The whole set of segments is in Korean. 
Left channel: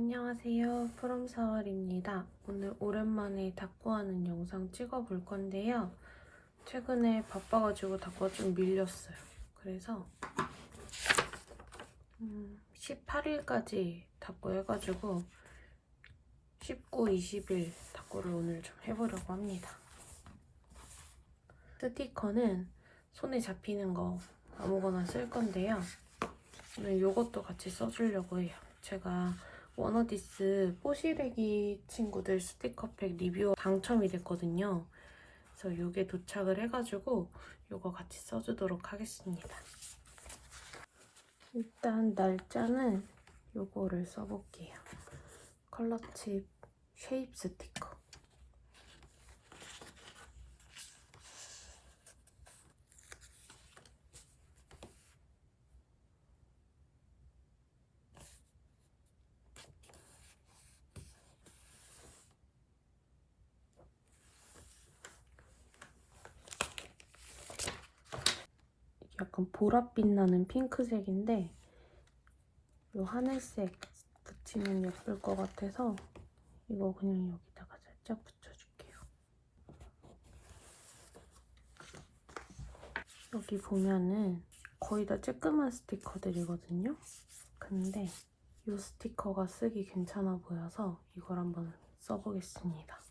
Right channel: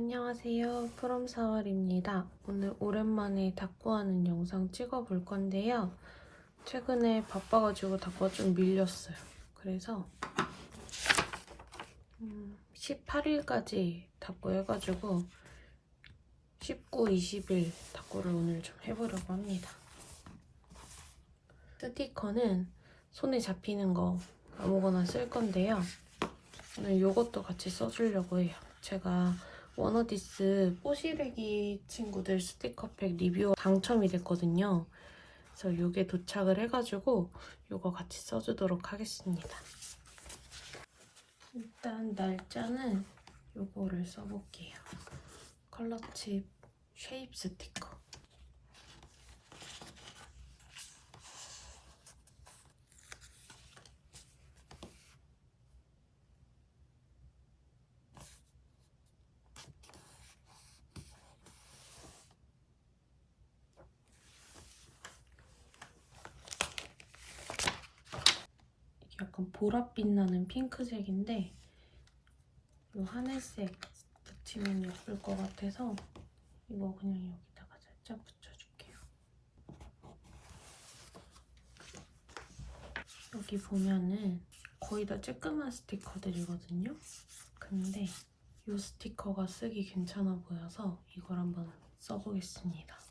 안녕하세요. 프롬사월입니다. 오늘 오랜만에 닭구하는 영상 찍어볼 건데요. 최근에 바빠가지고 닭구가 좀 밀렸어요. 그래서 음, 18일까지 닭구 해가지고 19, 20일 닭구를 오늘 좀 해보려고 합니다. 스티커는 손에 잡히는 거 아무거나 쓸 건데요. 오늘 이것도 같이 써주려고 해요. 제가 워너디스 뽀시래기 친구들 스티커팩 리뷰 당첨이 됐거든요. 그래서 이게 도착을 해가지고 이거 같이 써주도록 하겠습니다. 일단 날짜는 이거를 써볼게요. 컬러칩 쉐입 스티커. 약간 보랏빛 나는 핑크색인데 이 하늘색 붙이면 예쁠 것 같아서 이거 그냥 여기다가 살짝 붙여줄게요. 여기 보면은 거의 다 쬐끄만 스티커들이거든요. 근데 이 스티커가 쓰기 괜찮아 보여서 이걸 한번 써보겠습니다.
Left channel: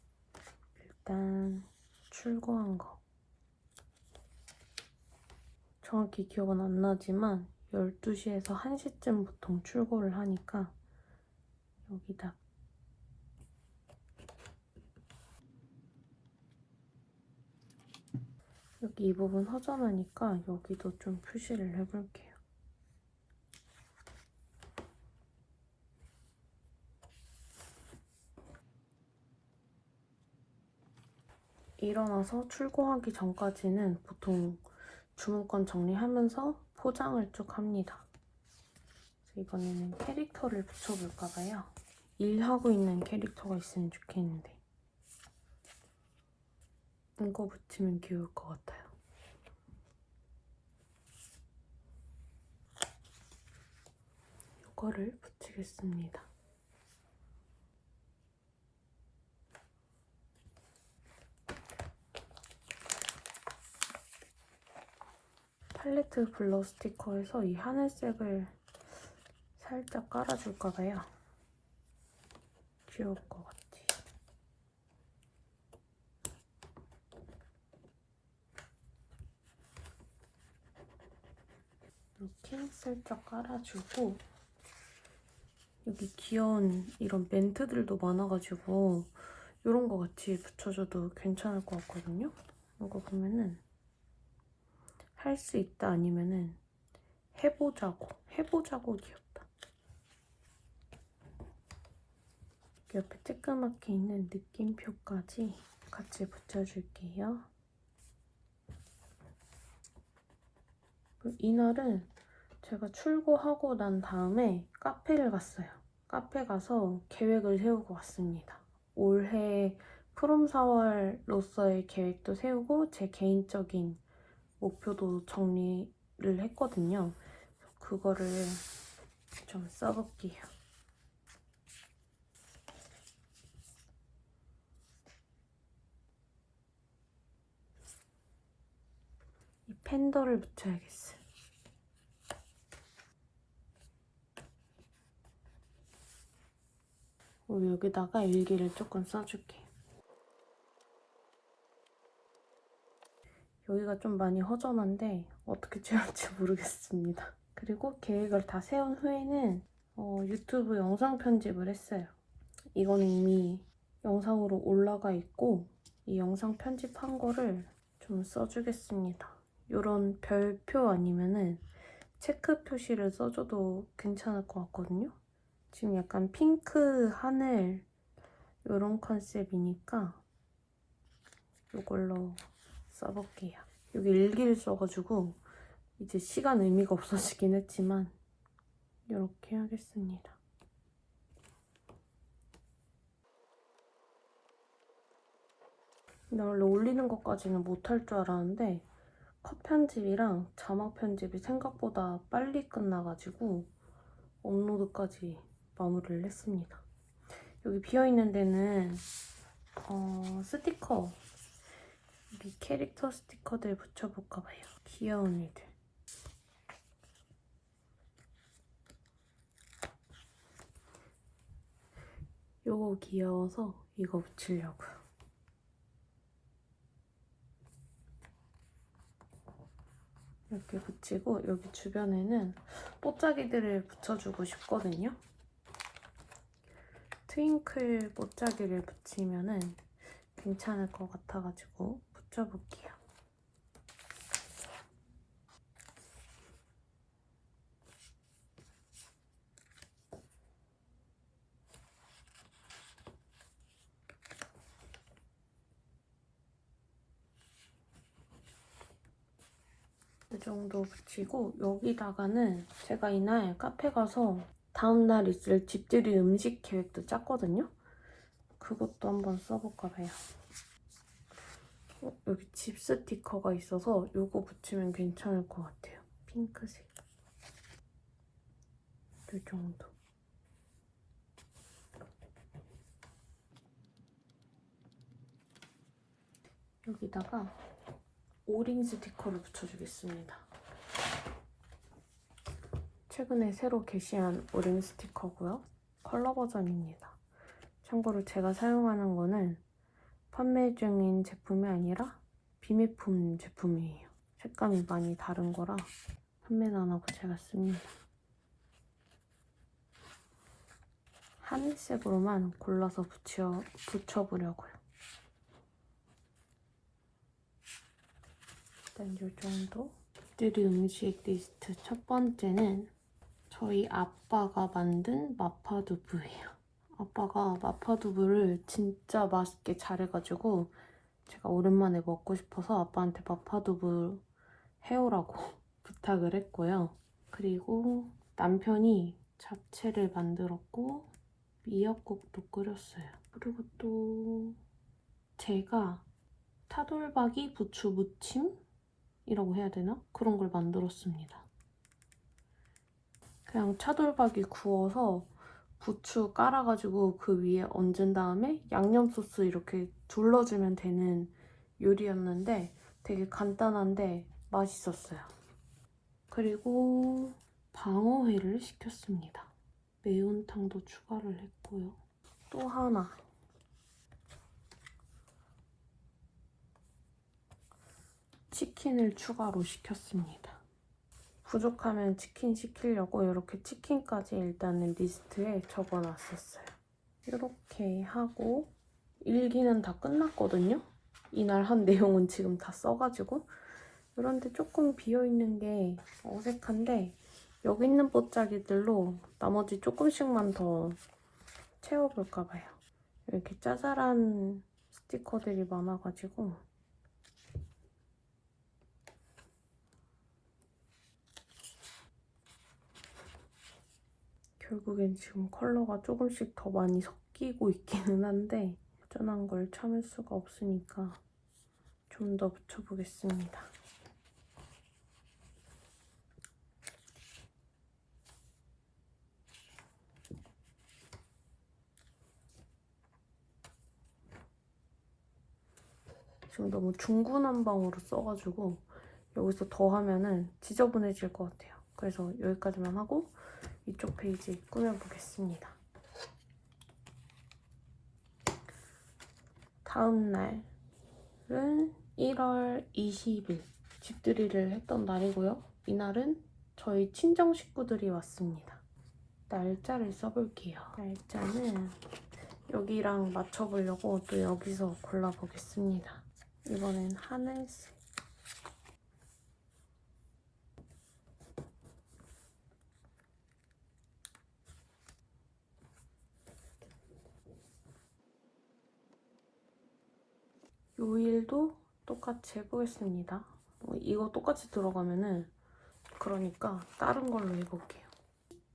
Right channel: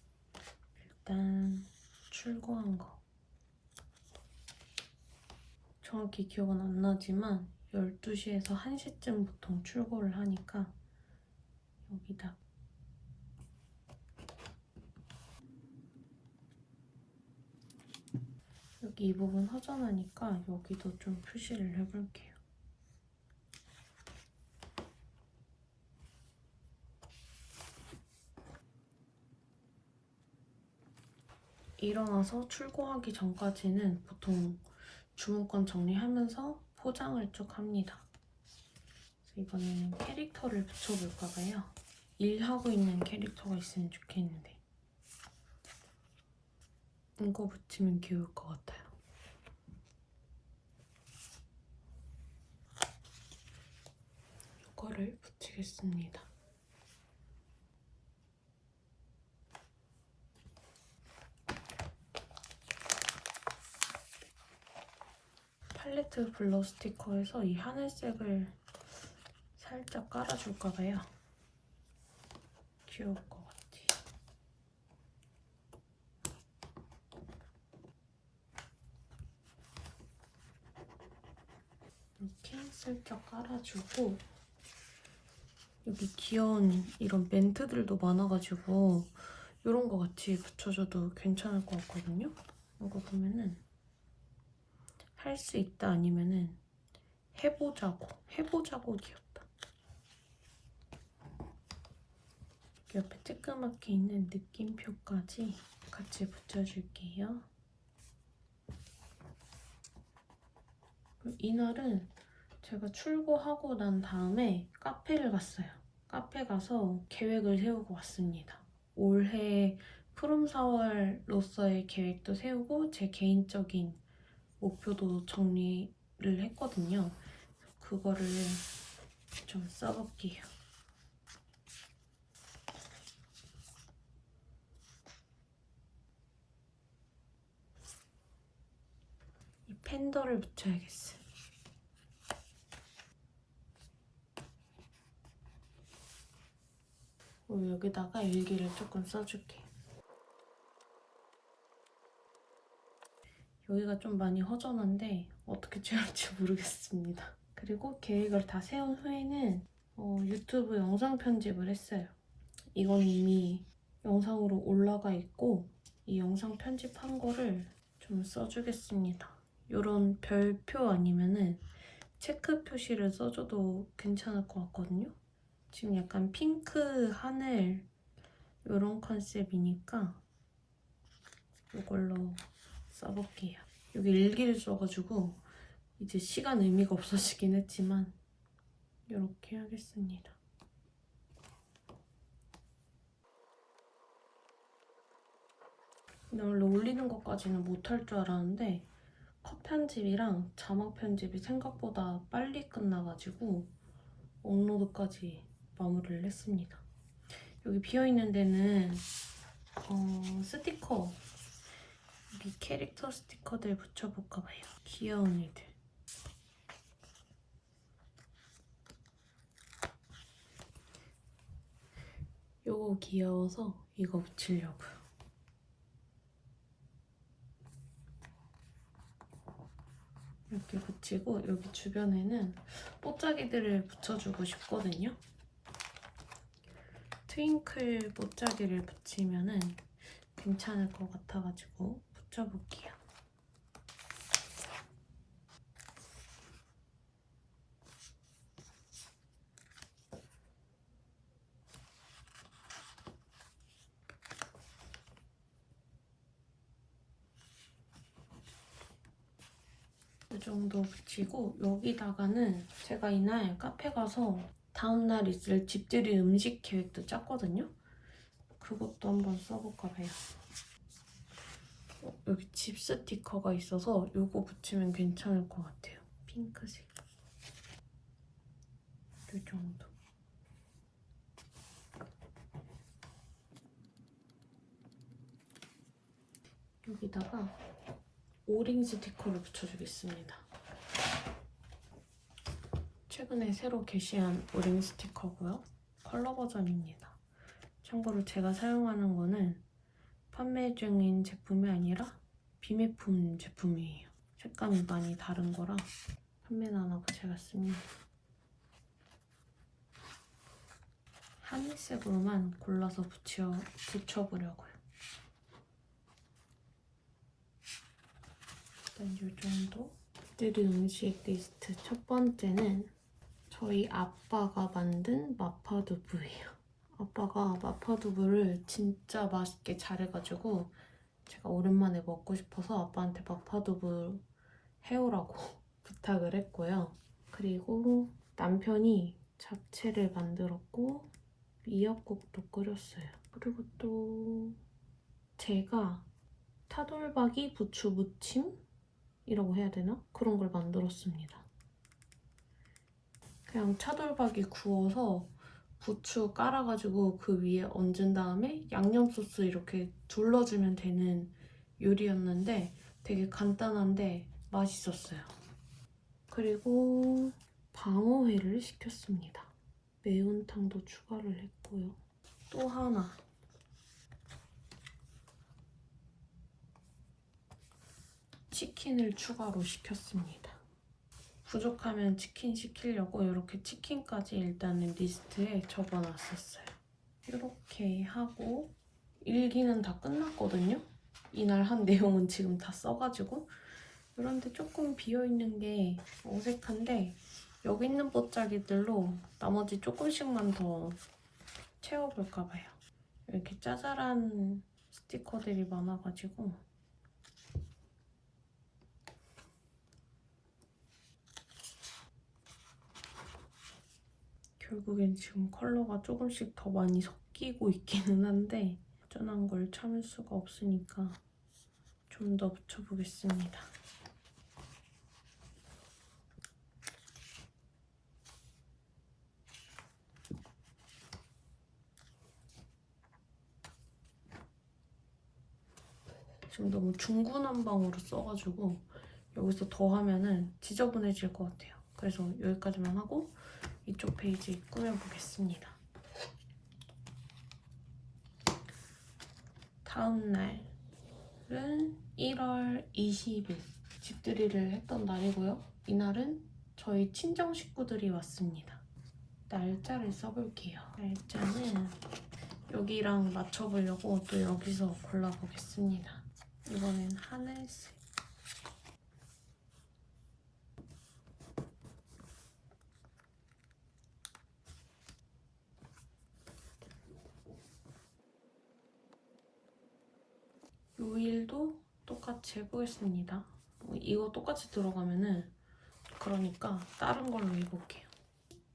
일단 출고한 거. 정확히 기억은 안 나지만 12시에서 1시쯤 보통 출고를 하니까 여기다 여기 이 부분 허전하니까 여기도 좀 표시를 해볼게요. 일어나서 출고하기 전까지는 보통 주문권 정리하면서 포장을 쭉 합니다. 이번에는 캐릭터를 붙여볼까 봐요. 일하고 있는 캐릭터가 있으면 좋겠는데 이거 붙이면 귀여울 것 같아요. 이거를 붙이겠습니다. 팔레트 블러 스티커에서 이 하늘색을 살짝 깔아줄까 봐요. 귀여울 것 같지? 이렇게 살짝 깔아주고 여기 귀여운 이런 멘트들도 많아가지고 이런 거 같이 붙여줘도 괜찮을 것 같거든요? 이거 보면은 할 수 있다 아니면은 해보자고 해보자고 귀엽다. 옆에 쬐끄맣게 있는 느낌표까지 같이 붙여줄게요. 이날은 제가 출고하고 난 다음에 카페를 갔어요. 카페 가서 계획을 세우고 왔습니다. 올해 프롬 4월로서의 계획도 세우고 제 개인적인 목표도 정리를 했거든요. 그거를 좀 써볼게요. 이 펜더를 붙여야겠어요. 여기다가 일기를 조금 써줄게. 여기가 좀 많이 허전한데 어떻게 채울지 모르겠습니다. 그리고 계획을 다 세운 후에는 어, 유튜브 영상 편집을 했어요. 이건 이미 영상으로 올라가 있고 이 영상 편집한 거를 좀 써주겠습니다. 이런 별표 아니면은 체크 표시를 써줘도 괜찮을 것 같거든요. 지금 약간 핑크 하늘 이런 컨셉이니까 이걸로 써볼게요. 여기 일기를 써가지고 이제 시간 의미가 없어지긴 했지만 이렇게 하겠습니다. 근데 원래 올리는 것까지는 못할 줄 알았는데 컷 편집이랑 자막 편집이 생각보다 빨리 끝나가지고 업로드까지 마무리를 했습니다. 여기 비어있는 데는 어, 스티커 이 캐릭터 스티커들 붙여볼까 봐요. 귀여운 애들. 요거 귀여워서 이거 붙이려고요. 이렇게 붙이고 여기 주변에는 뽀짝이들을 붙여주고 싶거든요. 트윙클 뽀짝이를 붙이면은 괜찮을 것 같아가지고 붙여볼게요. 이 정도 붙이고 여기다가는 제가 이날 카페 가서 다음날 있을 집들이 음식 계획도 짰거든요. 그것도 한번 써볼까 봐요. 어, 여기 집 스티커가 있어서 이거 붙이면 괜찮을 것 같아요. 핑크색. 이 정도. 여기다가 오링 스티커를 붙여주겠습니다. 최근에 새로 게시한 오링 스티커고요. 컬러 버전입니다. 참고로 제가 사용하는 거는 판매 중인 제품이 아니라 비매품 제품이에요. 색감이 많이 다른 거라 판매는 안 하고 제가 씁니다. 하늘색으로만 골라서 붙여, 붙여보려고요. 일단 이 정도. 들이 음식 리스트 첫 번째는 저희 아빠가 만든 마파두부예요. 아빠가 마파두부를 진짜 맛있게 잘해가지고 제가 오랜만에 먹고 싶어서 아빠한테 마파두부 해오라고 부탁을 했고요. 그리고 남편이 잡채를 만들었고 미역국도 끓였어요. 그리고 또 제가 타돌박이 부추 무침이라고 해야 되나? 그런 걸 만들었습니다. 그냥 차돌박이 구워서 부추 깔아가지고 그 위에 얹은 다음에 양념 소스 이렇게 둘러주면 되는 요리였는데 되게 간단한데 맛있었어요. 그리고 방어회를 시켰습니다. 매운탕도 추가를 했고요. 또 하나. 치킨을 추가로 시켰습니다. 부족하면 치킨 시키려고 이렇게 치킨까지 일단은 리스트에 적어놨었어요. 이렇게 하고 일기는 다 끝났거든요. 이날 한 내용은 지금 다 써가지고 이런데 조금 비어있는 게 어색한데 여기 있는 뽀짝이들로 나머지 조금씩만 더 채워볼까 봐요. 이렇게 짜잘한 스티커들이 많아가지고 결국엔 지금 컬러가 조금씩 더 많이 섞이고 있기는 한데 여전한 걸 참을 수가 없으니까 좀 더 붙여보겠습니다. 지금 너무 중구난방으로 써가지고 여기서 더 하면은 지저분해질 것 같아요. 그래서 여기까지만 하고 이쪽 페이지 꾸며보겠습니다. 다음 날은 1월 20일 집들이를 했던 날이고요. 이날은 저희 친정 식구들이 왔습니다. 날짜를 써볼게요. 날짜는 여기랑 맞춰보려고 또 여기서 골라보겠습니다. 이번엔 하늘색. 요일도 똑같이 해보겠습니다. 뭐 이거 똑같이 들어가면은 그러니까 다른 걸로 해볼게요.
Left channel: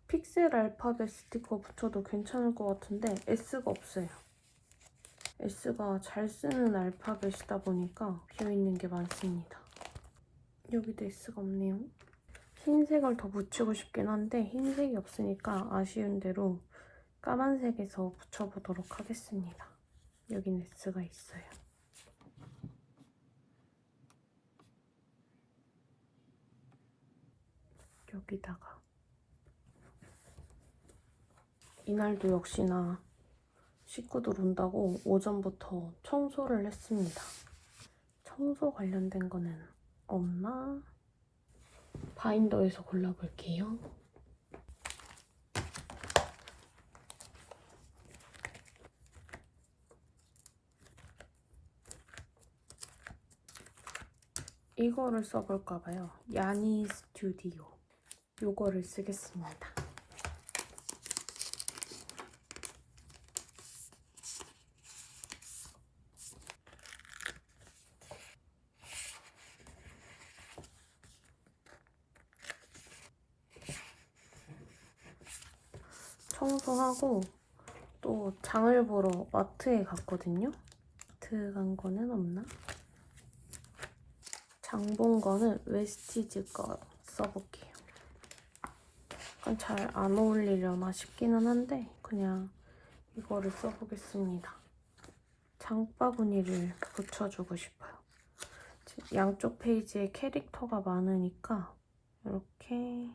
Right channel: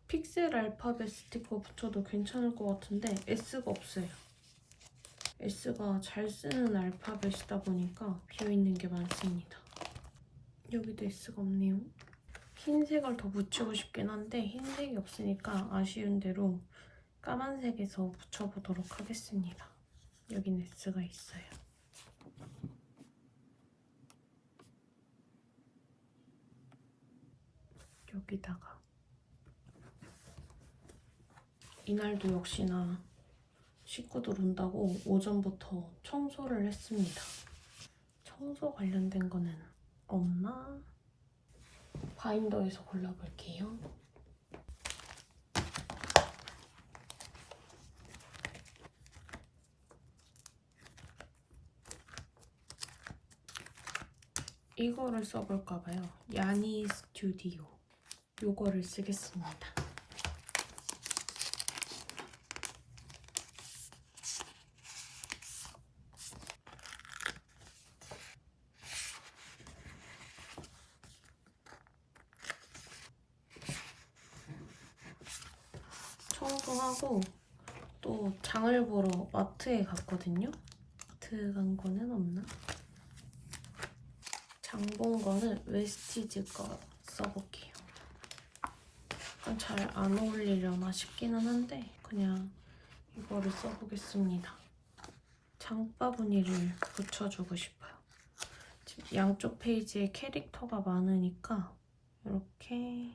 픽셀 알파벳 스티커 붙여도 괜찮을 것 같은데 S가 없어요. S가 잘 쓰는 알파벳이다 보니까 비어있는 게 많습니다. 여기도 S가 없네요. 흰색을 더 붙이고 싶긴 한데 흰색이 없으니까 아쉬운 대로 까만색에서 붙여보도록 하겠습니다. 여긴 S가 있어요. 여기다가 이날도 역시나 식구들 온다고 오전부터 청소를 했습니다. 청소 관련된 거는 없나? 바인더에서 골라볼게요. 이거를 써볼까봐요. 야니 스튜디오. 요거를 쓰겠습니다. 청소하고 또 장을 보러 마트에 갔거든요. 마트 간 거는 없나? 장 본 거는 웨스티즈 거 써볼게요. 약간 잘 안 어울리려나 싶기는 한데 그냥 이거를 써보겠습니다. 장바구니를 붙여주고 싶어요. 양쪽 페이지에 캐릭터가 많으니까 이렇게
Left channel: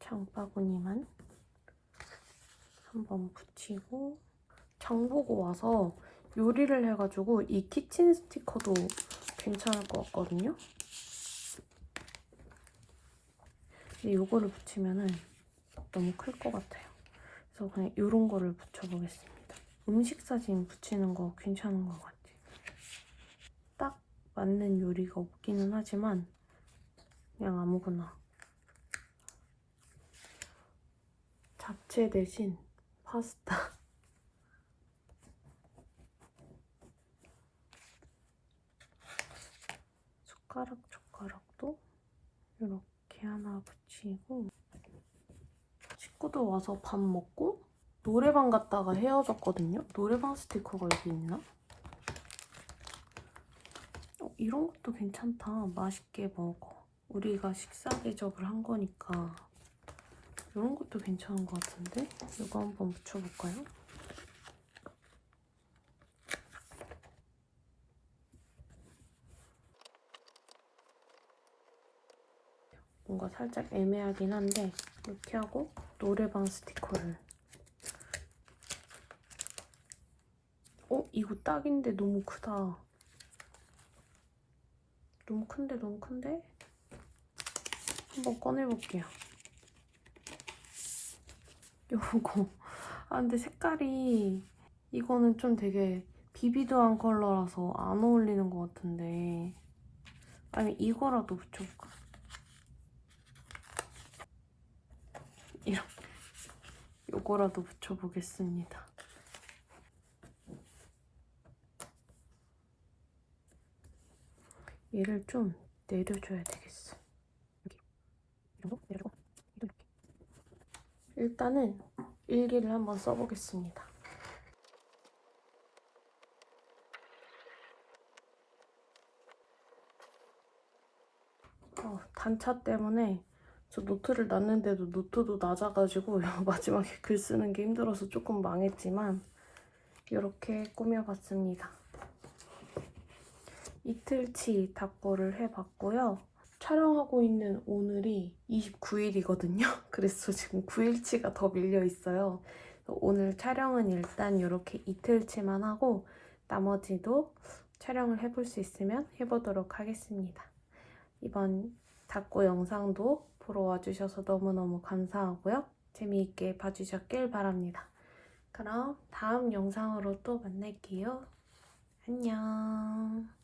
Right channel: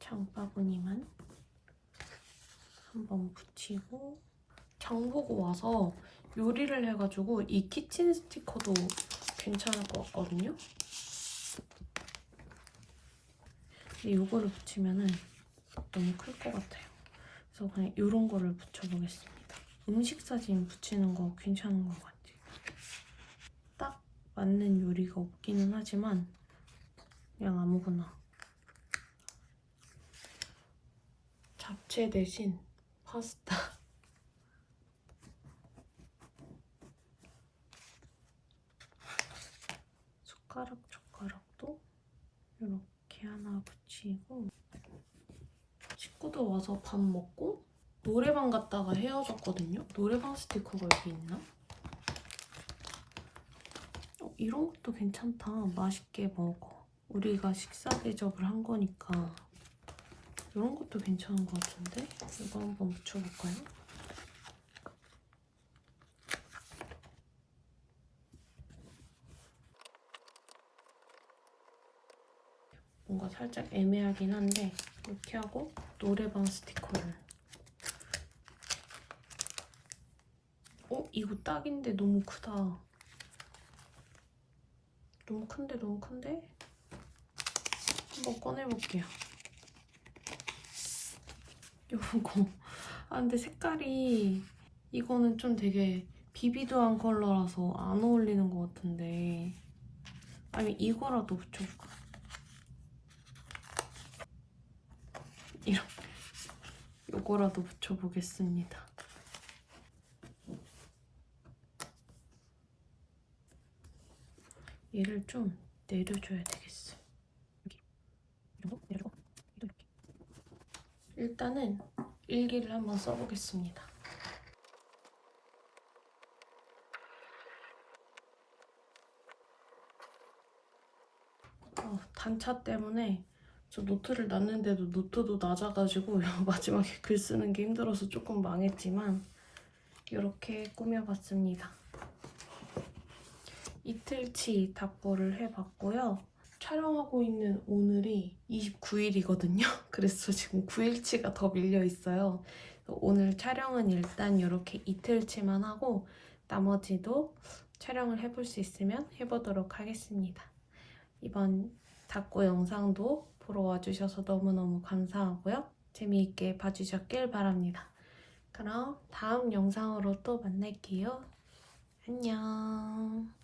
장바구니만 한번 붙이고 장 보고 와서 요리를 해가지고 이 키친 스티커도 괜찮을 것 같거든요. 근데 이거를 붙이면은 너무 클 것 같아요. 그래서 그냥 이런 거를 붙여보겠습니다. 음식 사진 붙이는 거 괜찮은 것 같아요. 딱 맞는 요리가 없기는 하지만 그냥 아무거나 잡채 대신 파스타 숟가락 젓가락도 이렇게 하나 붙 이고 친구도 와서 밥 먹고 노래방 갔다가 헤어졌거든요. 노래방 스티커가 여기 있나? 어, 이런 것도 괜찮다. 맛있게 먹어. 우리가 식사 대접을 한 거니까 이런 것도 괜찮은 것 같은데? 이거 한번 붙여볼까요? 뭔가 살짝 애매하긴 한데 이렇게 하고 노래방 스티커를 어? 이거 딱인데 너무 크다 너무 큰데 너무 큰데? 한번 꺼내볼게요 요거 아 근데 색깔이 이거는 좀 되게 비비드한 컬러라서 안 어울리는 것 같은데 아니 이거라도 붙여볼까? 이렇게 요거라도 붙여보겠습니다. 얘를 좀 내려줘야 되겠어. 여기 이 정도 정도 이렇게. 일단은 일기를 한번 써보겠습니다. 어, 단차 때문에 저 노트를 놨는데도 노트도 낮아가지고 마지막에 글 쓰는 게 힘들어서 조금 망했지만 이렇게 꾸며봤습니다. 이틀치 답보를 해봤고요. 촬영하고 있는 오늘이 29일이거든요. 그래서 지금 9일치가 더 밀려 있어요. 오늘 촬영은 일단 이렇게 이틀치만 하고 나머지도 촬영을 해볼 수 있으면 해보도록 하겠습니다. 이번 닭고 영상도 보러 와주셔서 너무너무 감사하고요. 재미있게 봐주셨길 바랍니다. 그럼 다음 영상으로 또 만날게요. 안녕.